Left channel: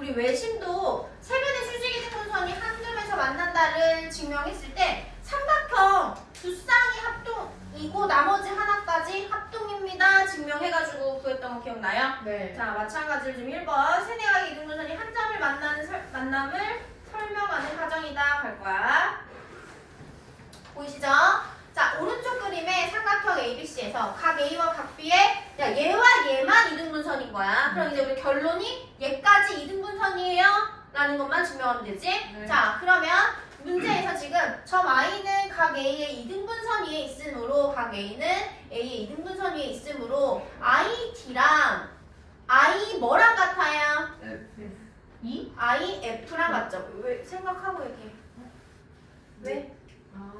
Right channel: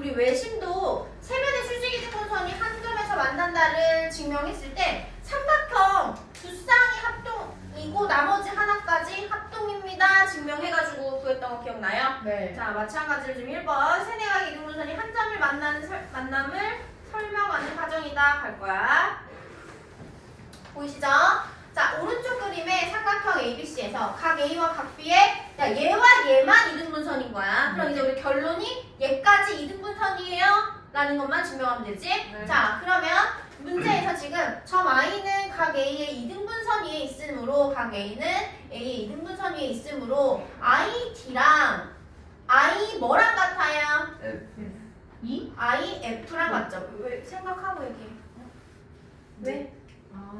우리 외심도 세변의 수직 이 등분선이 한 점에서 만난다를 증명했을 때 삼각형 두 쌍이 합동이고 나머지 하나까지 합동입니다. 증명해가지고 구했던 거 기억나요? 네. 자, 마찬가지로 지금 1번 세네각의 이등분선이 한 점을 만나는 설- 만남을 설명하는 과정이다 갈 거야. 보이시죠? 자, 오른쪽 삼각형 ABC에서 각 A와 각 B의 야, 얘와 얘만 이등분선인 거야. 그럼 이제 우리 결론이 얘까지 이등분선이에요. 라는 것만 증명하면 되지. 네. 자, 그러면 문제에서 지금 점 I는 각 A의 이등분선 위에 있으므로 각 A는 A의 이등분선 위에 있으므로 I, D랑 I 뭐랑 같아요? 이? I, F랑 같죠? 왜 생각하고 얘기해? 왜? 아.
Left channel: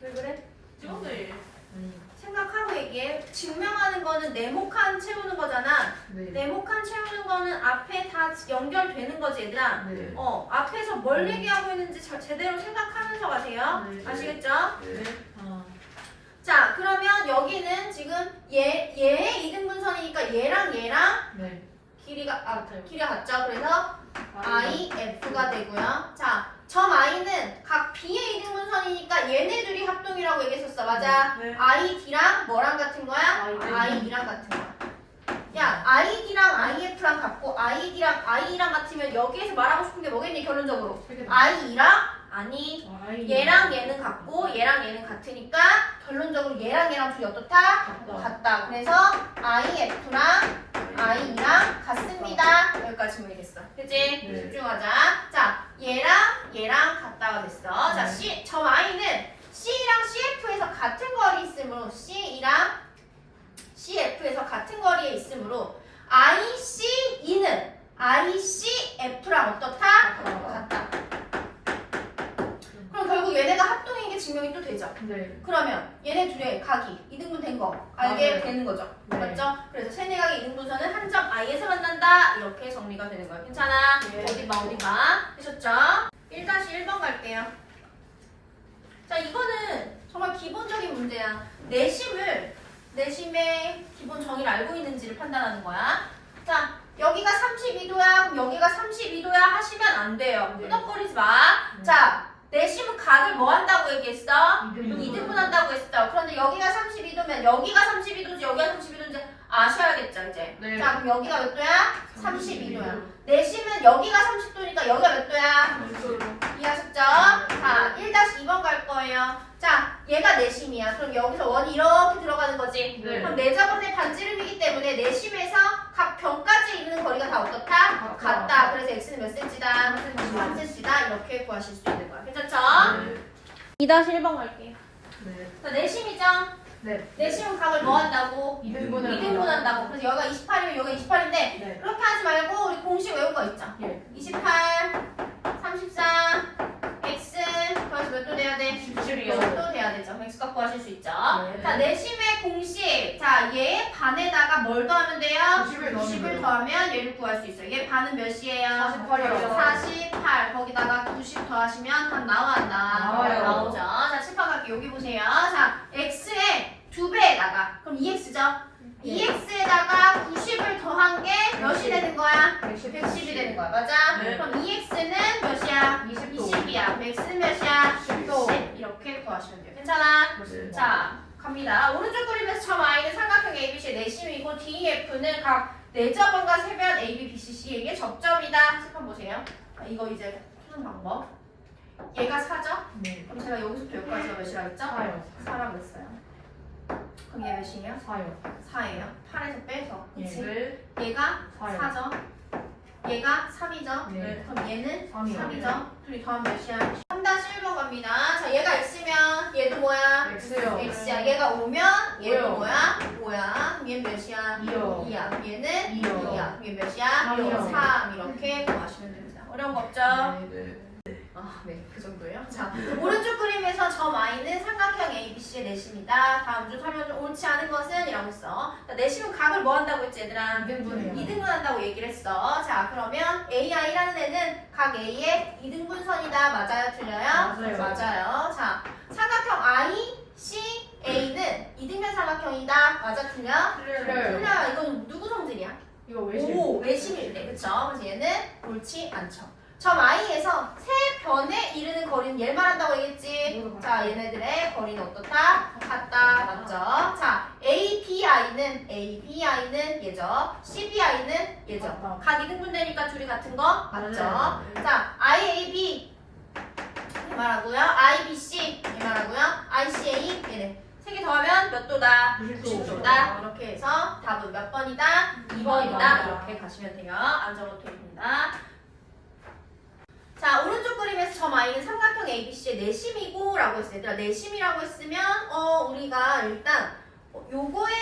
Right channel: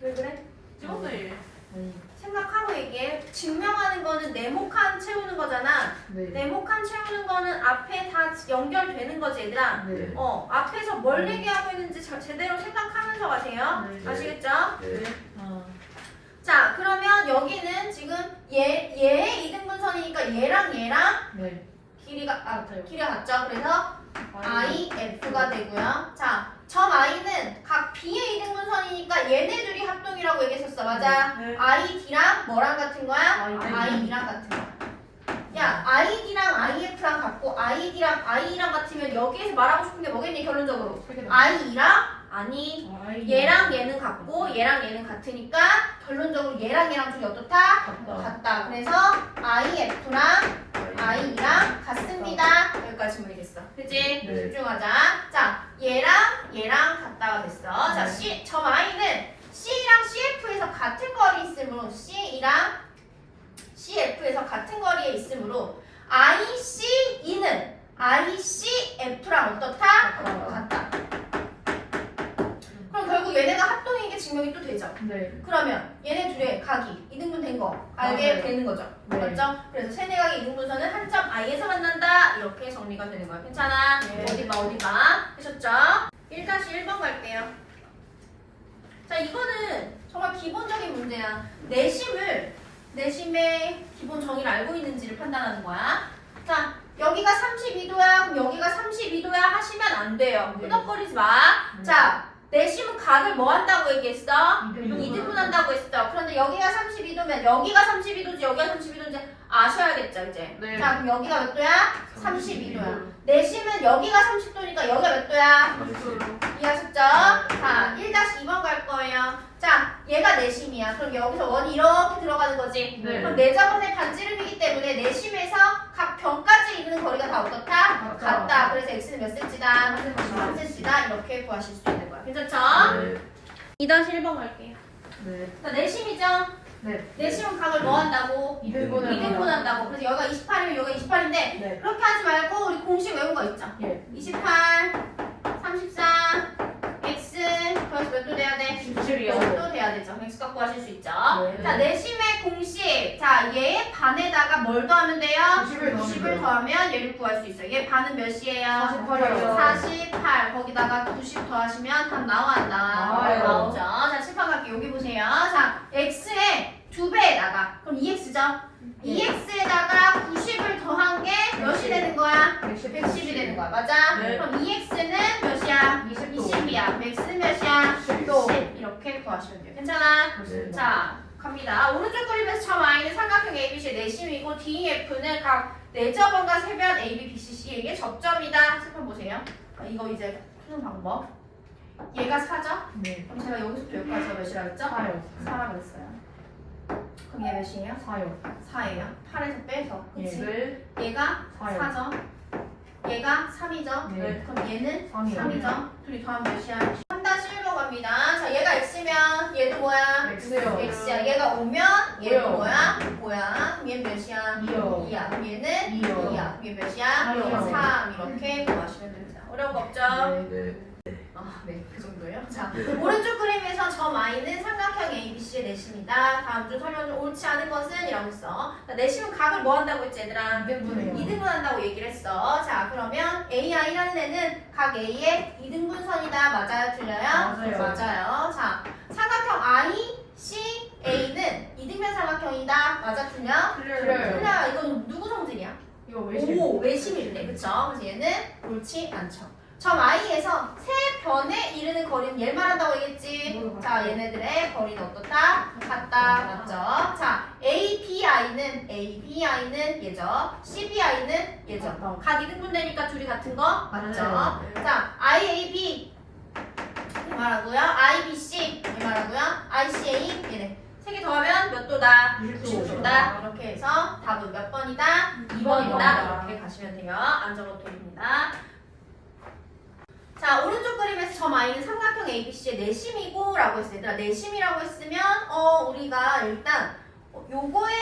왜 그래? 이것들 네. 생각하고 얘기해. 증명하는 거는 네모칸 채우는 거잖아. 네. 네모칸 채우는 거는 앞에 다 연결되는 거지, 얘들아. 네. 어, 앞에서 뭘 얘기하고 있는지 저- 제대로 생각하면서 가세요. 네. 아시겠죠? 네. 아. 자, 그러면 여기는 지금 얘, 얘의 이등 분선이니까 얘랑 얘랑 네. 길이가, 아. 길이가 같죠? 그래서 I, F가 되고요. 자, 점 I는 각 B의 이등 분선이니까 얘네 둘이 합동이라고 얘기했었어. 맞아? 네. I, D랑 뭐랑 같은 거야? I, D. I, D랑 같은 거 야. 야, I, D랑 I, F랑 같고 I, D랑 I랑 같으면 여기에서 말하고 싶은 게 뭐겠니, 결론적으로? I랑? 아니, 아, 아이. 얘랑 얘는 같고 얘랑 얘는 같으니까 결론적으로 얘랑 얘랑 둘이 어떻다? 같다. 그래서 IF랑 I랑 같습니다. 여기까지 보면 되겠어. 그치? 네. 집중하자. 자, 얘랑 얘랑 같다가 됐어. 자, 네. C, 점 I는 C랑 CF에서 같은 거리 있으므로 C랑 CF에서 같은 거리에 있으므로 ICE는 ICF랑 어떻다? 같다. 같다. 그럼 결국 얘네가 합동인 게 증명이 또 되죠. 네. 그러면 얘네 둘의 각이 이등분 된 거 알게 맞아요. 되는 거죠. 네. 맞죠? 그래서 세네 각의 이등분선은 한 점 I에서 만난다. 이렇게 정리가 되는 거예요. 괜찮아? 네. 어디 봐, 어디 봐. 되셨죠? 1-1번 갈게요. 자, 이거는 정말 기본적인 문제야. 내심을, 내심의 기본 정의를 알고 있는지를 판단하는 거야. 자, 여기가 32도야. 그럼 여기가 32도야 하시면 안 돼요. 네. 끄덕거리지 마. 네. 자, 내심은 각을 뭐 한다고 얘기했어? 이등분. 이등분 한다고 했어. 그런데 여기가 32도면 여기가 32도지 여기가 32도인지 아셔야겠죠, 이제. 네. 자, 그럼 여기가 몇 도야? 32도야. 내심은 여기가 30도니까 여기가 몇 도야? 이해하셨죠? 자, 1-2번 갈 거예요. 자, 얘가 내심이야. 그럼 여기서 원이 이렇게 들어가는 거지. 네. 그럼 내자번의 반지름이기 때문에 내심에서 각 변까지 이르는 거리가 다 어떻다? 같다. 그래서 x는 몇 cm다? 3cm다. 이렇게 구하실 수 있는 거야. 괜찮죠? 네. 2-1번 갈게요. 네. 자, 내심이죠? 네. 내심은 각을 뭐 한다고? 이등분. 2등분 한다고. 그래서 여기가 28이면 여기가 28인데 네. 그렇게 하지 말고 우리 공식 외운 거 있죠? 예. 28, 34, x 몇도 돼야 돼? 17이요. 6도 돼야 되죠. x 갖고 하실 수 있죠. 네. 자, 내심의 공식. 자, 얘의 반에다가 뭘 더하면 돼요? 90을 더하면 90을 돼요. 더하면 얘를 구할 수 있어요. 얘 반은 몇이에요? 48이요. 48. 거기다가 90 더하시면 답 나와 안 나와? 나와요. 나오죠. 자, 칠판 갈게요. 여기 보세요. 자, x의 두 배에다가 그럼 2x죠? 예. 2x에다가 90을 더한 게 몇이 되는 거야? 110. 110이 되는 거야. 맞아? 네. 그럼 2x는 몇이야? 20도. 20이야. x는 몇이야? 10도. 10. 이렇게 구하시면 돼요. 괜찮아? 그렇습니다. 자, 갑니다. 오른쪽 그림에서 점 I는 삼각형 ABC의 내심이고 DEF는 각 내저번과 세변 AB, BC, C에게 접점이다. 색판 보세요. 자, 이거 이제 푸는 방법. 얘가 4죠? 네. 그럼 제가 여기서부터 여기까지가 몇이라고 했죠? 사요. 4라고 했어요. 그럼 얘 몇이에요? 사요. 4예요. 8에서 빼서. 그치? 네. 얘가 사요. 4죠? 얘가 3이죠? 네. 그럼 얘는 삼이요. 3이죠? 둘이 더하면 몇이야? 3-1로 갑니다. 자, 얘가 X면 얘도 뭐야? X요. X야. 얘가 5면 얘도 오요. 뭐야? 5야. 그럼 얘는 몇이야? 이요. 2야. 그럼 얘는 이요. 2야. 얘 몇이야? 삼이요. 3. 이렇게 구하시면 됩니다. 어려운 거 없죠? 네. 아, 네. 그 정도요. 자, 오른쪽 그림에서 점 I는 삼각형 ABC의 내심이다. 다음 주 설명 중 옳지 않은 것은? 이라고 했어. 자, 내심은 각을 뭐 한다고 했지, 얘들아? 이등분해요. 2등분 한다고 얘기를 했어. 자, 그러면 AI라는 애는 각 A의 2등분선이다. 맞아요? 틀려요? 맞아요. 맞아요. 자, 삼각형 I, C, A는 이등변 삼각형이다. 맞아? 틀려? 틀려요. 틀려요. 이건 누구 성질이야? 이거 외심. 오, 외심일래. 그쵸? 그래서 얘는 옳지 않죠. 점 I에서 세 변에 이르는 거리는 얘를 말한다고 얘기했지. 뭐로 자? 얘네들의 거리는 어떻다? 같다. 맞죠? 자, API는 ABI는 얘죠. CBI는 얘죠. 각 이등분되니까 둘이 같은 거 맞죠? 네. 자, IAB 얘 말하고요. IBC 얘 말하고요. ICA 얘네 세 개 더하면 몇 도다? 90도. 90도다. 이렇게 해서 답은 몇 번이다? 2번이다. 번이다. 이렇게 가시면 돼요. 안 적어도 됩니다. 자, 오른쪽 그림에서 점 I는 삼각형 ABC의 내심이고 라고 했어요. 얘들아, 내심이라고 했으면 어, 우리가 일단 어, 요거에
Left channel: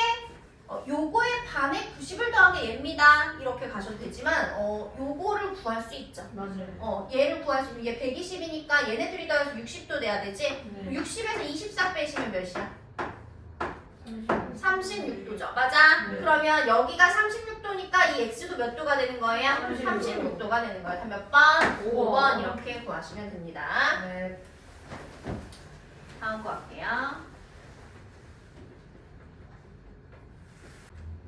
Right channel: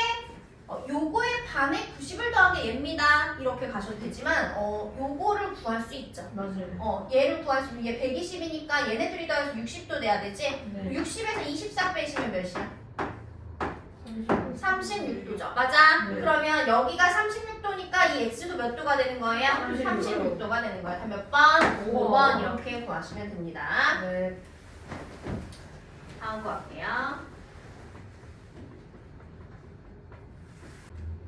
어, 요거에 반에 90을 더한 게 얘입니다. 이렇게 가셔도 되지만 어, 요거를 구할 수 있죠. 맞아요. 어, 얘를 구할 수 있는 게 120이니까 얘네들이 더해서 60도 돼야 되지. 네. 60에서 24 빼시면 몇이야? 36도죠. 맞아? 네. 그러면 여기가 36도니까 이 x도 몇 도가 되는 거예요? 36 도. 36도 가 되는 거예요. 몇 번? 오 5번 이렇게 구하시면 됩니다. 네. 다음 거 할게요.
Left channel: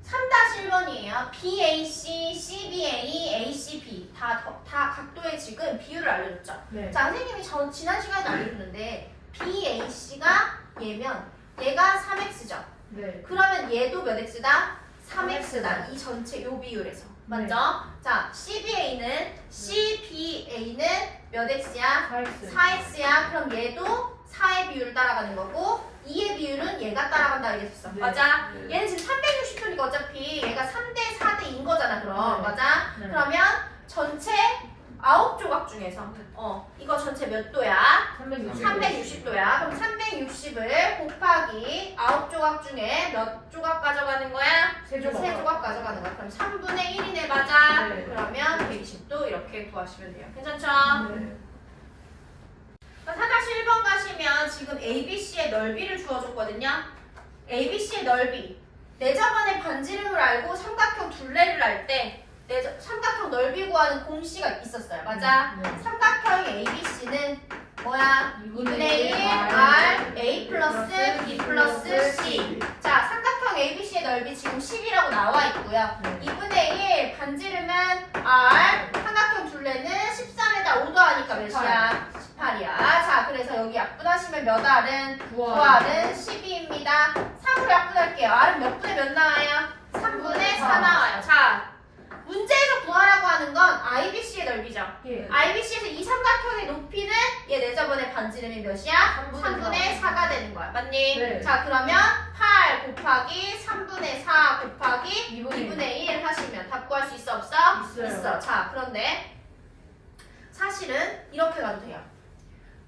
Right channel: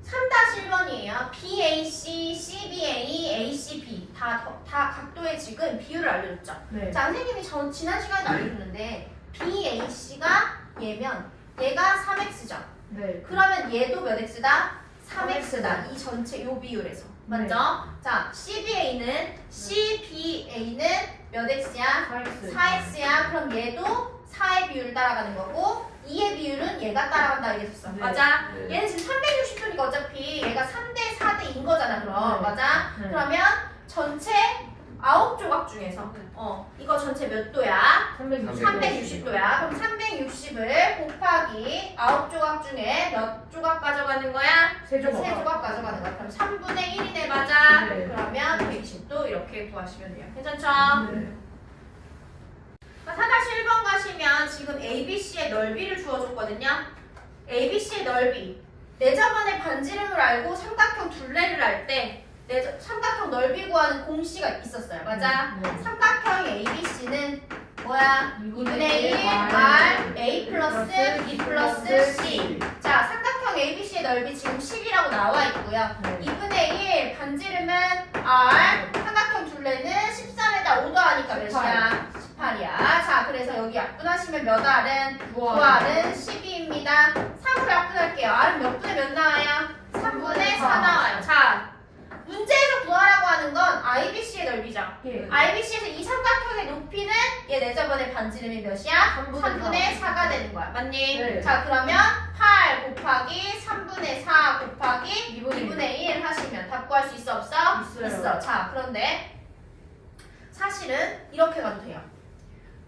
3-1번이에요. BAC, CBA, ACB 다, 더- 다 각도의 지금 비율을 알려줬죠. 네. 자, 선생님이 전 지난 시간에 알려줬는데 BAC가 얘면 얘가 3x죠. 네. 그러면 얘도 몇 x다? 3x다. 3x. 이 전체 요 비율에서. 네. 맞죠? 자, CBA는 CBA는 몇 x야? 4x. 4x야. 그럼 얘도 4의 비율을 따라가는 거고 2의 비율은 얘가 따라간다 이랬었어. 네. 맞아? 네. 얘는 지금 360도니까 어차피 얘가 3대 4대인 거잖아. 그럼 네. 맞아? 네. 그러면 전체 9조각 중에서 어 이거 전체 몇 도야? 360. 360도야. 그럼 360을 곱하기 9조각 중에 몇 조각 가져가는 거야? 세 조각. 세 조각 가져가는 거야. 그럼 3분의 1이네 맞아. 네. 그러면 120도 이렇게 구하시면 돼요. 괜찮죠? 네. 4-1번 가시면 지금 ABC의 넓이를 주어줬거든요. ABC의 넓이. 내 저번에 반지름을 알고 삼각형 둘레를 할때 삼각형 넓이 구하는 공식이 있었어요. 맞아? 네. 삼각형 ABC는 뭐야? 2분의 1 R, A 플러스 B 플러스 C. 자, 삼각형 ABC의 넓이 지금 10이라고 나와 있고요. 네. 2분의 1 반지름은 R 삼각형 둘레는 13에다 5 더 하니까 몇이야? 18이야. 자, 그래서 여기 약분하시면 몇 R은? 9R은 12입니다. 3으로 약분할게요. R은 몇 분의 몇 나와요? 3분의 4 나와요. 자, 하는 건 IBC의 넓이죠. 예. IBC에서 이 삼각형의 높이는 얘 내저번에 반지름이 몇이야? 3분의 3분의 4가 되는 거야. 맞니? 네. 자, 그러면 8 곱하기 3분의 4 곱하기 2분의 2분의 1 하시면 답 구할 수 있어 없어? 있어요. 있어. 자, 그런데 사실은 이렇게 가도 돼요.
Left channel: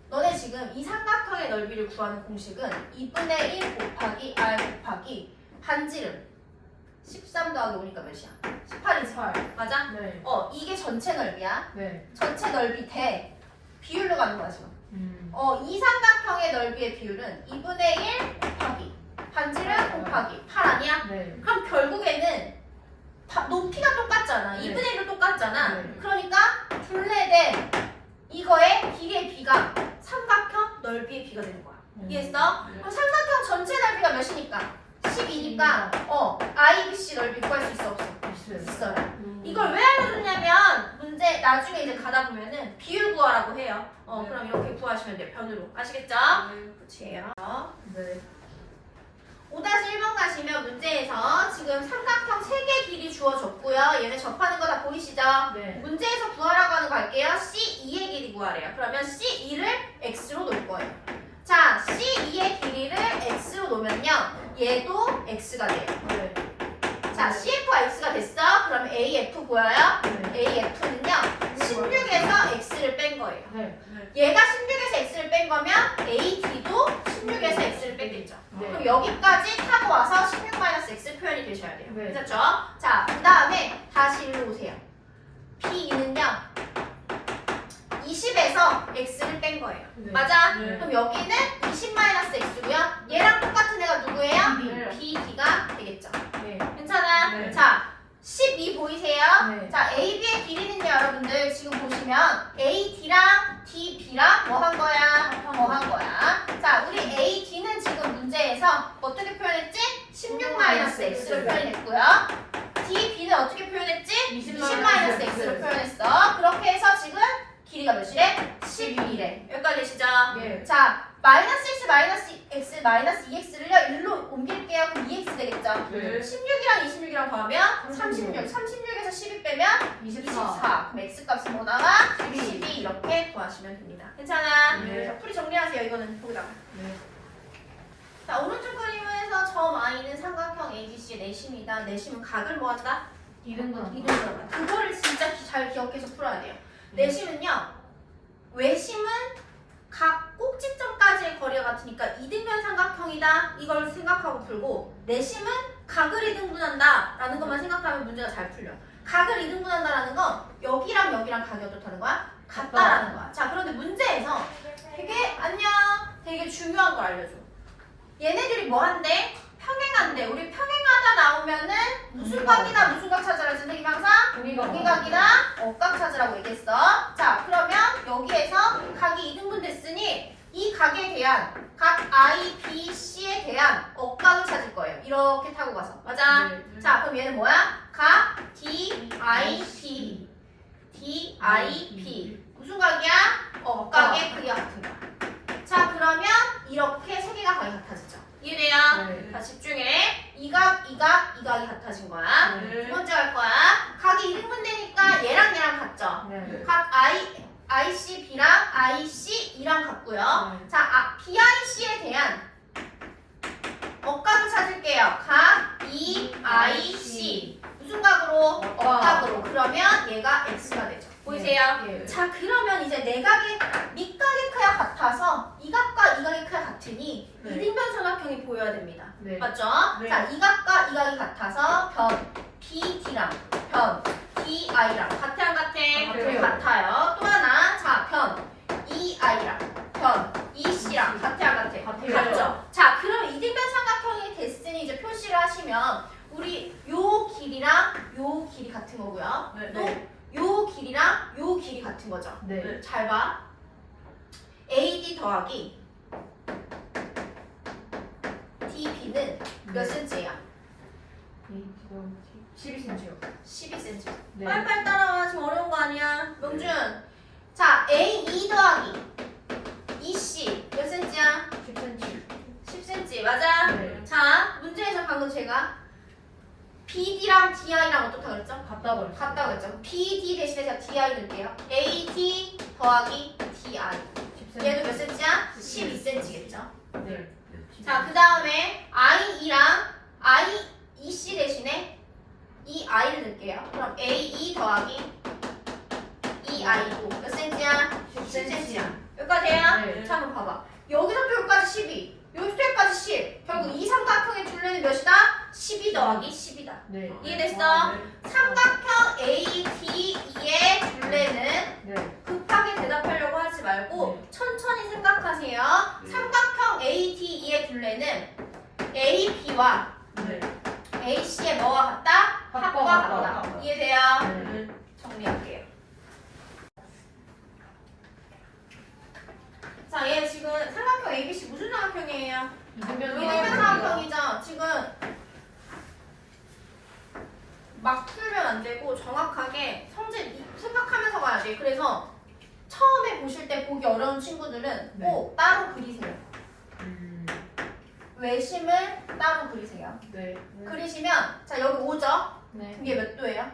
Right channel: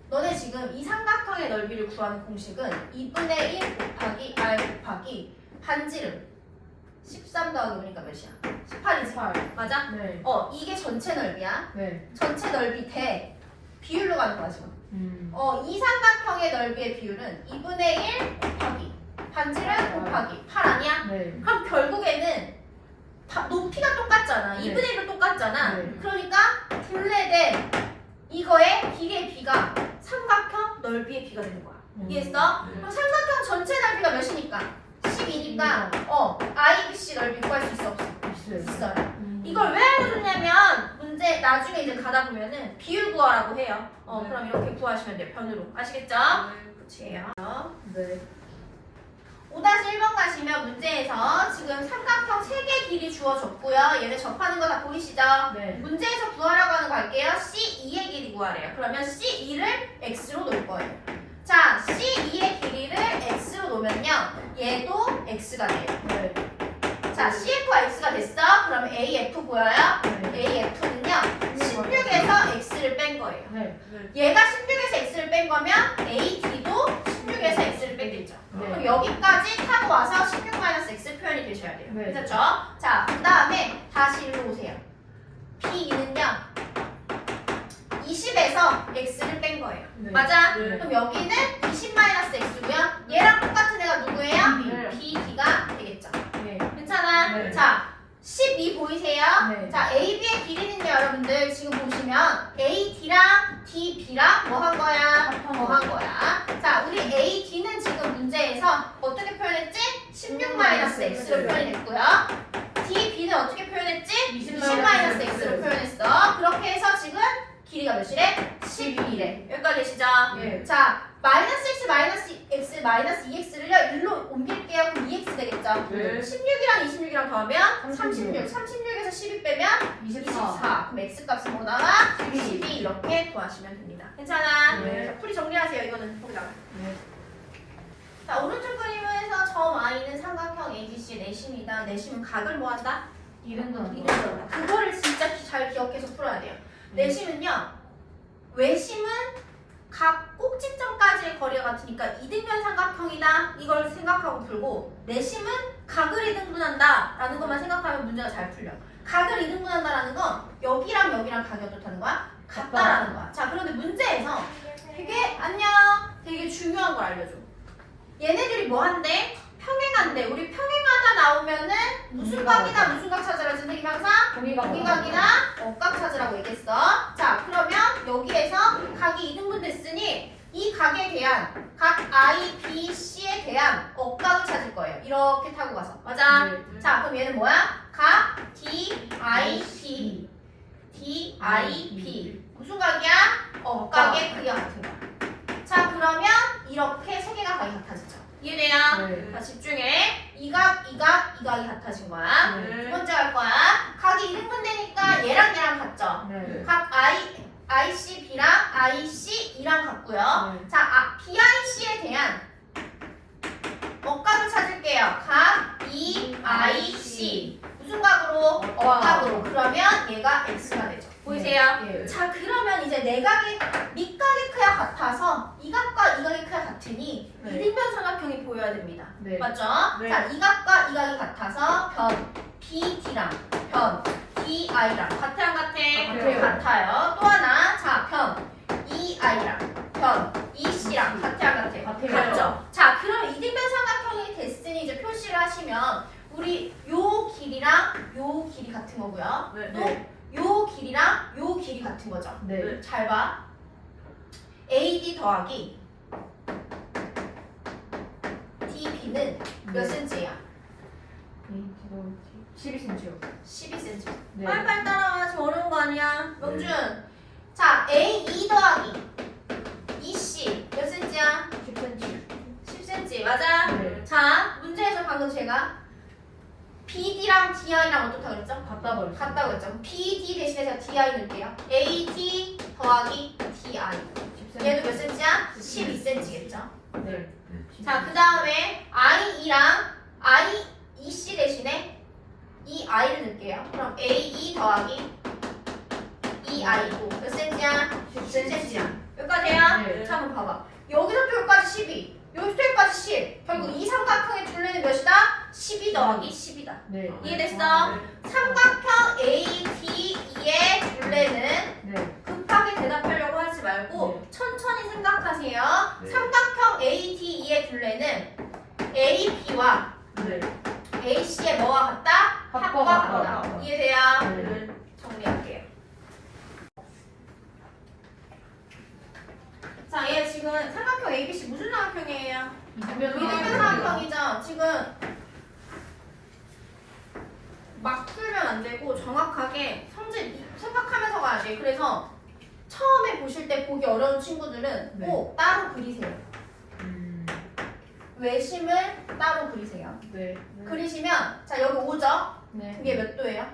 너네 지금 이 삼각형의 넓이를 구하는 공식은 2분의 1 곱하기 r 곱하기 반지름 13 더하기 5니까 몇이야? 18이지. 8. 맞아? 네. 어, 이게 전체 넓이야. 네. 전체 넓이 대 비율로 가는 거야, 지금. 음. 어, 이 삼각형의 넓이의 비율은 2분의 1 곱하기 반지름 곱하기 8 아니야? 네. 그럼 결국에는 다- 높이가 똑같잖아. 네. 2분의 1로 똑같잖아. 네. 그러니까 둘레 대 이거의 비례 비가 삼각형 넓이의 비가 되는 거야. 음. 이해했어? 그럼 삼각형 전체 넓이가 몇이니까? 12니까 어, IBC 넓이 구할 수 있어 없어? 있어요. 있어요. 음. 이걸 왜 알려줬냐면 문제 나중에 이제 가다 보면은 비율 구하라고 해요. 어 네. 그럼 이렇게 구하시면 돼요. 변으로 아시겠죠? 그치예요. 네. 5-1번 가시면 문제에서 지금 삼각형 3개 길이 주어졌고요. 얘네 접하는 거 다 보이시죠? 네. 문제에서 구하라고 하는 거 할게요. C2의 길이 구하래요. 그러면 C2를 X로 놓을 거예요. 자, C2의 길이를 X로 놓으면요. 얘도 X가 돼요. 네. 자, CF가 X가 됐어? 그러면 AF 보여요? 네. AF는요 16에서 X를 뺀 거예요 네. 얘가 16에서 X를 뺀 거면 AD도 16에서 X를 빼겠죠 네. 그럼 여기까지 타고 와서 16-X 표현이 되셔야 돼요 네. 그렇죠? 자, 그 다음에 다시 일로 오세요 P2는요 20에서 X를 뺀 거예요 네. 맞아? 네. 그럼 여기는 20-X고요 얘랑 똑같은 애가 누구예요? B. BD가 되겠죠 네. 괜찮아? 네. 자, 12 보이세요? 네. 자, AB의 길이는요, 여러분들 지금 보시면 AD랑 DB랑 뭐 한 거야? 뭐 한 거야? 자, 우리 AD는 지금 문제에서 어떻게 표현했지? 16-X로 표현했고요. DB는 어떻게 표현했지? 20 20-X로 표현했어. 길이가 몇이래? 11이래. 여기까지 되시죠? 예. 자, 마이너스 x 마이너스 x 마이너스 2x를요 1로 옮길게요. 그럼 2x 되겠죠? 네. 16이랑 26이랑 더하면 36. 36. 36에서 12 빼면 24. 24. 그럼 x 값은 뭐 나와? 12. 12 이렇게 구하시면 됩니다. 괜찮아? 네. 자, 풀이 정리하세요. 이거는 거기다가. 네. 자, 오른쪽 그림에서 점 I는 삼각형 ABC 내심이다. 내심은 각을 뭐 한다? 이등분. 이등분. 그거를 진짜 기- 잘 기억해서 풀어야 돼요. 내심은요. 외심은 각 꼭지점까지의 거리가 같으니까 이등변 삼각형이다. 이걸 생각하고 풀고 내심은 각을 이등분한다. 라는 것만 생각하면 문제가 잘 풀려. 각을 이등분한다 라는 건 여기랑 여기랑 각이 어떻다는 거야? 같다라는 거야. 자, 그런데 문제에서 되게 안녕. 되게 중요한 걸 알려줘. 얘네들이 뭐 한대? 평행한대. 우리 평행하다 나오면은 무슨 각이다 무슨 각 찾아라 선생님 항상 공이가 여기각이나 억각 찾으라고 얘기했어. 자, 그러면 여기에서 각이 이등분 됐으니 이 각에 대한 각 I, B, C에 대한 억각을 찾을 거예요. 이렇게 타고 가서. 맞아? 네. 자, 그럼 얘는 뭐야? 각 D, I, B. D, I, B. 무슨 각이야? 억각의 크기가 같은 거. 자, 그러면 이렇게 세 개가 각이 같아지죠. 이해돼요? 네. 자, 집중해. 이 각, 이 각, 이 각이 같아진 거야. 네. 두 번째 할 거야. 각이 이등분 되니까 얘랑 얘랑 같죠? 네. 각 I, IC, B랑 IC, E랑 같고요. 네. 자, 아, BIC에 대한 억각을 찾을게요. 각 E, IC. 무슨 각으로? 억각으로. 그러면 얘가 X가 되죠. 보이세요? 예. 자, 그러면 이제 내각의 밑각의 크기가 같아서 이 각과 이 각의 크기가 같으니 네. 이등변 삼각형이 보여야 됩니다. 네. 맞죠? 네. 자, 이 각과 이 각이 같아서 변 BD랑 변 DI랑 같아 안 같아? 같아요. 같아요. 또 하나, 자, 변 EI랑 변 EC랑 같아 안 같아? 같아요. 같죠? 자, 그럼 이등변 삼각형이 됐으니 이제 표시를 하시면 우리 요 길이랑 요 길이 같은 거고요. 네. 또 요 길이랑 요 길이 같은 거죠. 네. 잘 봐. AD 더하기 DB는 몇 네. cm야? 이 이거 12cm요. 12cm. 네. 빨리빨리 따라와. 지금 어려운 거 아니야. 명준. 자, AE 더하기 EC 몇 cm야? 10cm. 10cm. 맞아? 네. 자, 문제에서 방금 제가 BD랑 DI랑 어떻다 그랬죠? 갖다 버렸어. 같다고 했죠? BD 대신에 제가 DI 넣을게요. AD 더하기 DI. 10cm. 얘도 몇 cm야? 12cm겠죠? 네. 자, 그 다음에 IE랑 I, EC 대신에 이 I를 넣을게요. 그럼 AE 더하기 EI고 몇 cm야? 10cm야. 여기까지야? 네. 자, 한번 봐봐. 여기서부터 여기까지 12, 여기서부터 여기까지 10. 결국 이 삼각형의 둘레는 몇이다? 12 더하기 10이다. 네. 이해됐어? 삼각형 ADE의 둘레는 네. 급하게 대답하려고 하지 말고 네. 천천히 생각하세요. 네. 삼각형 ADE의 둘레는 AB와 네. AC의 뭐와 같다? 합과 합과 같다. 같다. 이해돼요? 네. 정리할게요. 자, 얘 지금 삼각형 ABC 무슨 삼각형이에요? 이등변 이등변 삼각형이죠. 지금 막 풀면 안 되고 정확하게 성질 생각하면서 가야 돼. 그래서 처음에 보실 때 보기 어려운 친구들은 네. 꼭 따로 그리세요. 음. 외심을 따로 그리세요. 네. 그리시면 자 여기 5죠? 네. 그게 몇 도예요?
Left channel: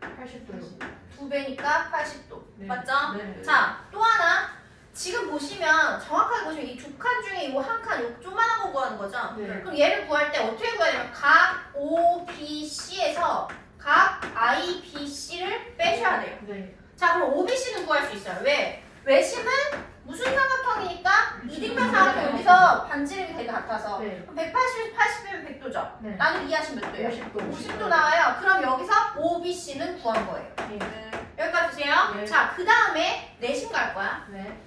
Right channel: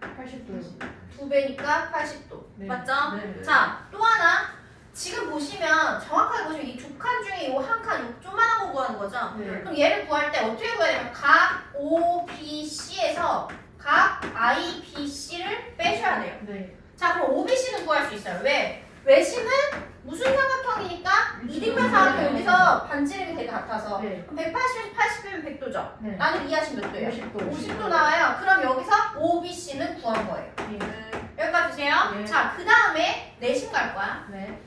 80도요. 두 배니까 80도. 네. 맞죠? 네. 자, 또 하나. 지금 보시면 정확하게 보시면 이 두 칸 중에 이 한 칸, 요 조그만한 거 구하는 거죠? 네. 그럼 얘를 구할 때 어떻게 구해야 되냐면 각 O, B, C에서 각 I, B, C를 빼셔야 돼요. 네. 자, 그럼 O, B, C는 구할 수 있어요. 왜? 외심은 무슨 삼각형이니까 이등변 삼각형 여기서 반지름이 되게 같아서 네. 그럼 180, 80이면 100도죠? 네. 나는 이해하시면 몇 도예요? 50도. 50도 나와요. 그럼 여기서 O, B, C는 구한 거예요. 네. 여기까지 주세요. 네. 자, 그 다음에 내심 갈 거야. 네.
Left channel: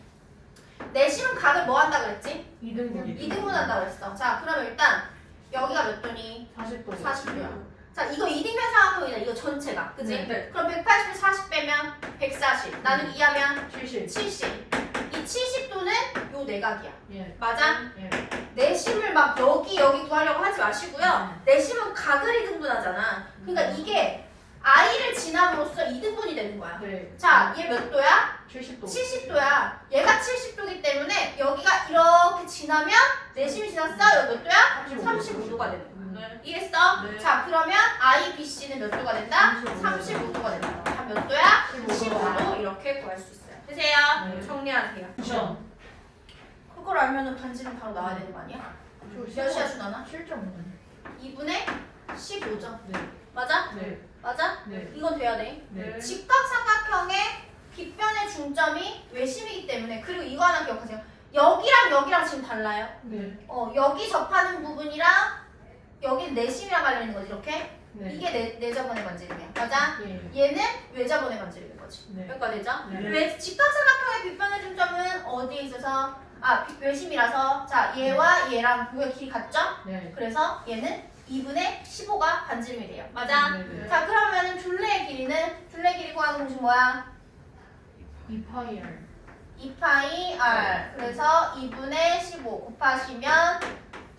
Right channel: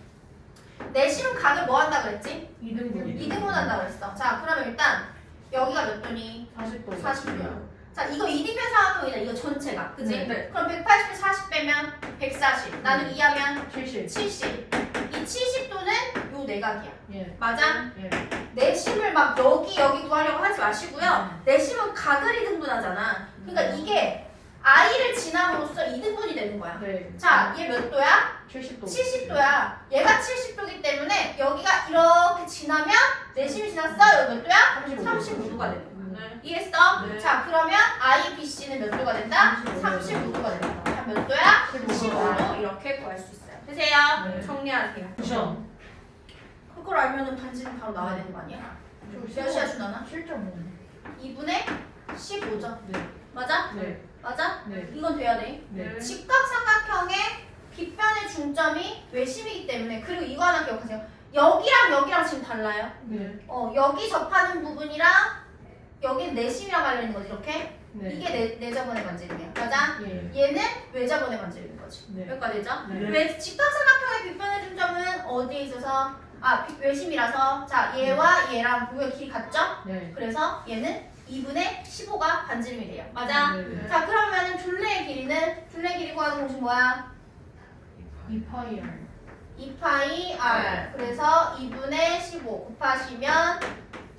내심은 각을 뭐 한다 그랬지? 이등분. 이등분 한다 그랬어. 자, 그러면 일단 여기가 몇 도니? 40도. 40도야. 자, 이거 이등변 삼각형이다. 이거 전체가. 그지? 네. 그럼 180에 40 빼면 140. 나는 2하면 70. 70. 이 70도는 요 내각이야. 예. 맞아? 예. 내심을 막 여기 여기 구하려고 하지 마시고요. 내심은 각을 이등분하잖아. 그러니까 음. 이게 i를 지남으로써 2등분이 되는 거야. 네. 자, 얘 몇 도야? 70도. 70도야. 얘가 70도기 때문에 여기가 이렇게 지나면 내심이 지났어. 여기 몇 도야? 35도. 35도가 되는 거야. 네. 이해했어? 네. 자, 그러면 I, B, C는 몇 도가 된다? 35도. 35도가 된다. 자, 몇 도야? 15도. 15도 이렇게 구할 수 있어 요. 되세요? 네. 정리하세요. 시험. 그걸 알면은 반지는 바로 나와야 되는 거 아니야? 몇이야 준하나? 7.5. 2분의 15죠. 네. 맞아? 네. 맞아? 네. 이건 돼야 돼. 네. 직각삼각형의 빗변의 중점이 외심이기 때문에 그리고 이거 하나 기억하세요. 여기랑 여기랑 지금 달라요. 네. 어 여기 접하는 부분이랑 여기 내심이랑 관련있는 거지 이렇게. 네. 이게 내, 내자번의 관절이야. 맞아? 예. 얘는 외자번의 관절인 거지. 네. 여기까지 되죠? 네. 외 직각삼각형의 빗변의 중점은 어디에 있어서 아 비- 외심이라서 자 얘와 얘랑 우의 길이 같죠? 네. 그래서 얘는 2분의 15가 반지름이 돼요. 맞아? 네. 네. 자 그러면은 둘레의 길이는 둘레 길이 구하는 공식 뭐야? 2파이 R. 2파이 r 그래서 2분의 15 곱하시면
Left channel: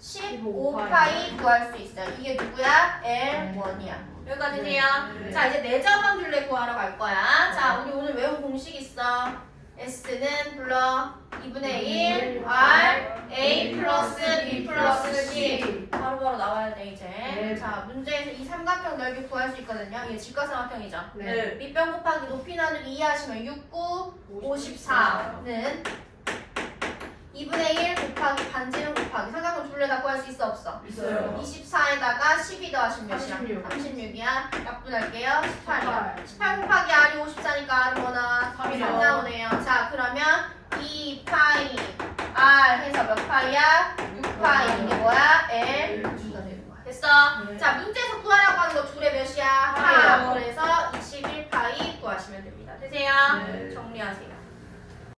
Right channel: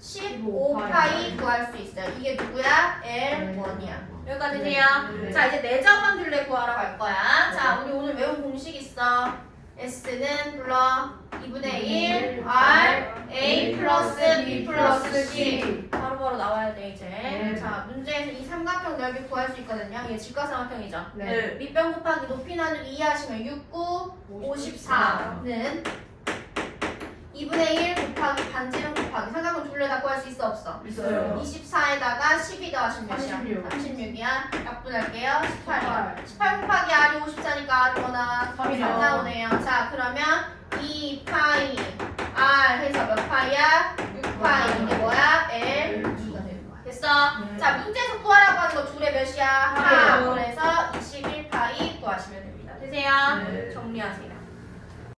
15파이 구할 수 있어요. 이게 누구야? L1이야. 여기까지 돼요? 네. 자 이제 내자만 둘레 구하러 갈 거야. 자 우리 오늘 외운 공식 있어. S는 불러 2분의 1 R A 플러스 B 플러스 C 바로바로 나와야 돼 이제. 네. 자 문제에서 이 삼각형 넓이 구할 수 있거든요. 이게 직각삼각형이죠. 네. 밑변 곱하기 높이 나누기 2 하시면 6, 9, 54는 2분의 1 곱하기 반지름 곱하기 삼각형 둘레 다 구할 수 있어 없어? 있어요. 24에다가 12 더하시면 몇이야? 36. 36이야. 약분할게요. 18이야. 18. 18 곱하기 R이 54니까 R이 뭐? 3 삼이요. 나오네요. 자 그러면 2파이 R 해서 몇 파이야? 6파이 이게 뭐야? L 2가 되는 거야. 됐어? 네. 자 문제에서 구하라고 하는 거 둘의 몇이야? 하. 그래서 21파이 구하시면 됩니다. 되세요? 네. 정리하세요.